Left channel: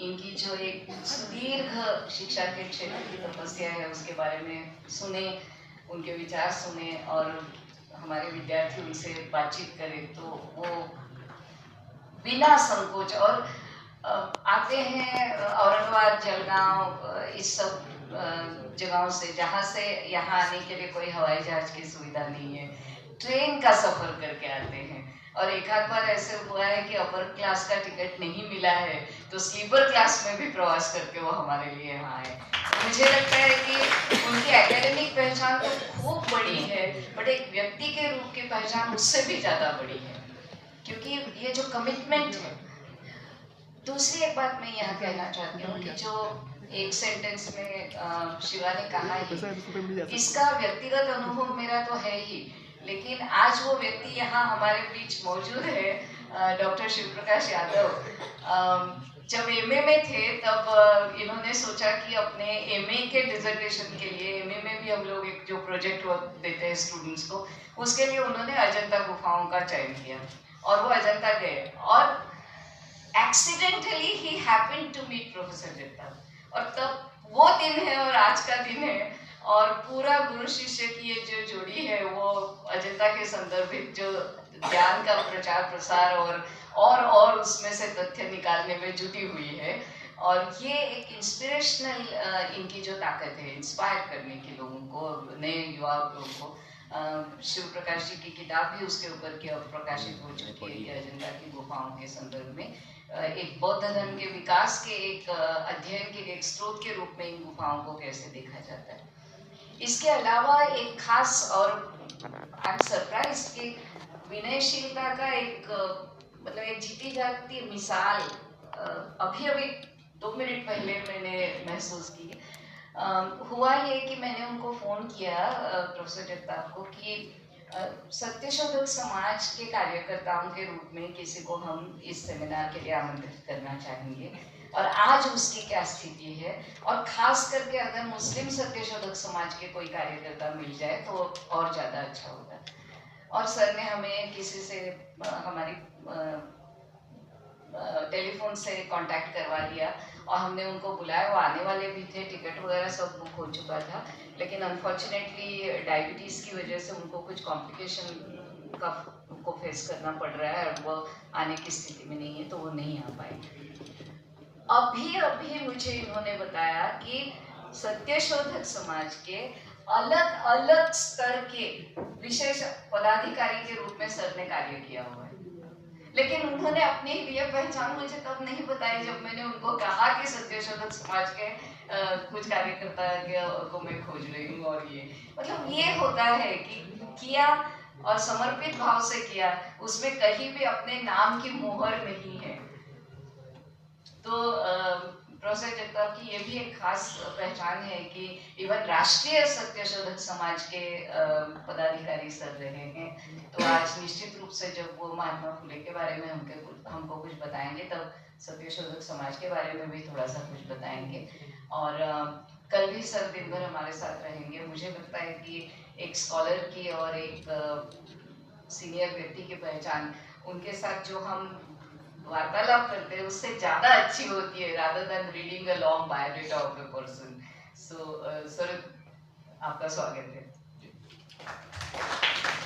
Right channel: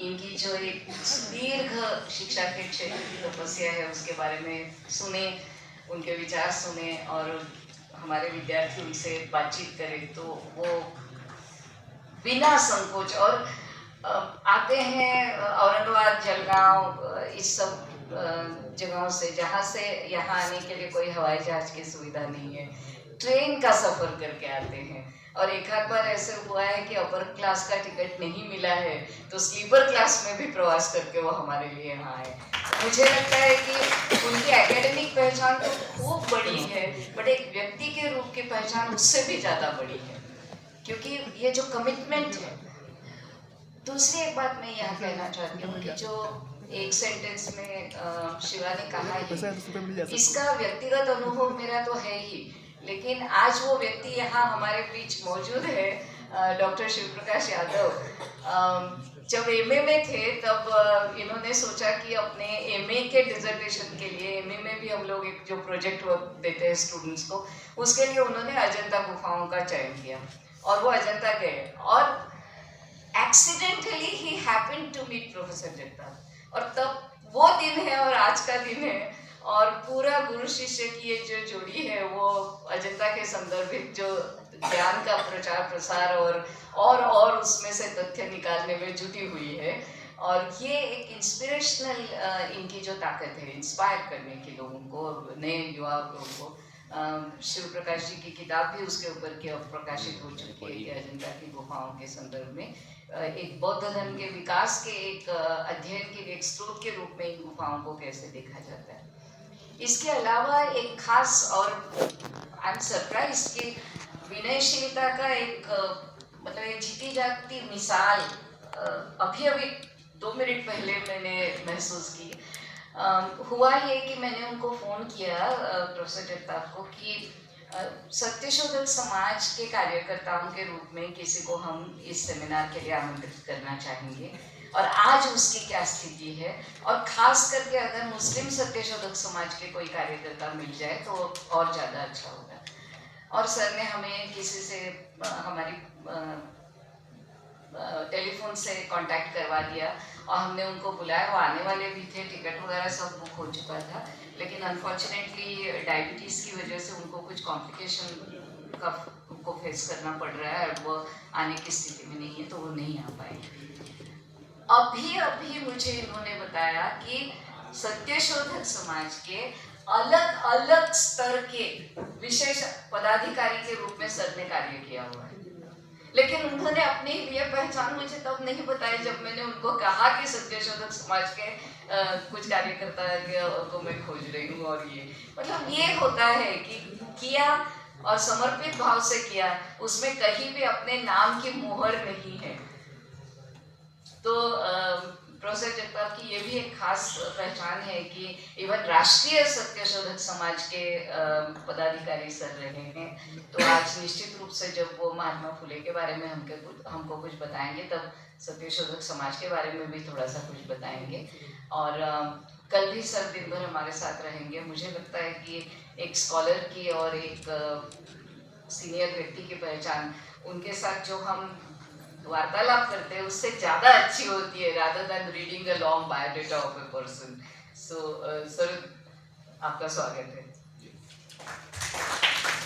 इनकी जो एक सुदीर्घ शिक्षा के क्षेत्र की तपस्या है उसके बारे में सुने, उनके विचार सुने और हमारे विद्यार्थी उनसे बातचीत करें तो वो बिना संकोच और आते हैं औरंगाबाद, जलगांव, इस सब जगहों से जहाँ से यहाँ आने के लिए कोई हवाई जहाज की सुविधा नहीं है, ट्रेन का सफर करके आते हैं। और एक आध बार ऐसे हुआ है कि अपर क्लास का टिकट नहीं मिला है तो स्लीपर क्लास में भी प्रवास करके वो हमारे लिए यहाँ आए। मुझे लगता है कि उनकी एकेडमिक पहचान तो खूब बड़ी है, बट एक व्यक्ति के रूप की पहचान उससे भी ज़्यादा बड़ी है, क्योंकि ये जो कमिटमेंट है। दूसरी एक बात मैं यहाँ कहना चाहती हूँ कि जो एक सेंटेंस में शिवा ने कहा ही, इसका व्यक्तिगत अनुभव मेरा तो है ही, लेकिन आज वो व्यक्ति यहाँ हमारे बीच मौजूद है, डॉक्टर शिव प्रकाश यादव। जब एमए में थे तब इन्होंने सोचा कि अपने एमए के डिजर्टेशन के लिए, एमए में भी हम लोग एक जो प्रोजेक्ट वर्क देते हैं स्टूडेंट्स को, उसके लिए उन्होंने अजंता गुफाओं का चयन किया और वो अजंता गए और एक्सीडेंटली ही happened to meet professor Jagtap. और तब वो दिन है और आज का दिन है और पूरा गुरु शिष्य की ये जो जोड़ी है वो अजंता के संदर्भित जो ज्ञान का प्रचार प्रसार और उसमें से तथ्य निकालने में जुटी हुई है। और ये एक इंस्पिरेशनल इनकी जो ताकत है इंस्पायर करने की लोगों को, नए युवा लोगों को। शिव प्रकाश जी की किताब भी उसके ऊपर की प्रकाशित हो चुकी है कि अजंता की गुफाओं के संदर्भ में एक बौद्ध धर्म के विकास के एक अध्ययन के एक स्रोत के रूप में इन गुफाओं को कैसे देखा जाता है। इसके अलावा एक खास और आई एम सरप्राइज कि विनयशीलता का एक मतलब एक जीती जागती मिसाल अभी 2 मिनट पहले मैंने महसूस की। हुआ ये कि मैंने उनको फ़ोन किया प्रोफेसर जगताप को कि सत्यशोधक समाज के कार्यकर्ताओं के रूप में किसी को हम इस सेमिनार के लिए आमंत्रित करना चाहेंगे और आज उसकी क्या स्थिति है, और खास करके अगर मुस्लिम सत्यशोधक समाज के कोई कार्यकर्ता मिल जाए तो और ज़्यादा अच्छा होगा। और सर ने हमें किसी से हमारी टेलीफोन से कांटेक्ट करवा दिया और हमने उनको बुलाया। वो आने वाले भी थे, टिकट वगैरह सब बुक हो चुका था, लेकिन अनफॉर्चुनेटली डायबिटीज़ की वजह से उनको कुछ कॉम्प्लिकेशन का उनको फेस करना पड़ रहा है और वो आने की स्थिति में नहीं है तो वो नहीं आ पाए। अभी मुझे इन्होंने बताया कि सत्यशोधक समाज के अलग अलग स्तर के विशेष पदाधिकारी के रूप में सर ने कार्य किया हुआ है, लेकिन उन्होंने अपने लिए पहचान मुझे तब नहीं बताई जब मैंने उनको कहा कि सत्यशोधक समाज के कुछ कार्यकर्ता को मैं खोज रही हूँ। और ये मतलब ये होता है कि किया और समर्पित भाव से किया, उसमें कहीं भी अपने नाम की मोहर नहीं है। तो प्रोफेसर जगताप की ये भी एक खास पहचान है कि इवन राष्ट्रीय सत्यशोधक समाज के पदाधिकारी सर रहे हैं। तो आज निश्चित रूप से जब वो महात्मा फुले के बारे में हमको कुछ बताएंगे तब सत्यशोधक समाज के बारे में भी थोड़ा सा कुछ बताएंगे। और कल भी सर दिन भर हमारे साथ रहेंगे। मुझे लगता है कि एक स्कॉलर की और एक सीनियर व्यक्ति की पहचान उनके साथ जो हम वार्तालाप करते हैं उससे ज़्यादा अच्छी होती है rather than reading a long biodata of a person. So, sir आपका स्वागत है।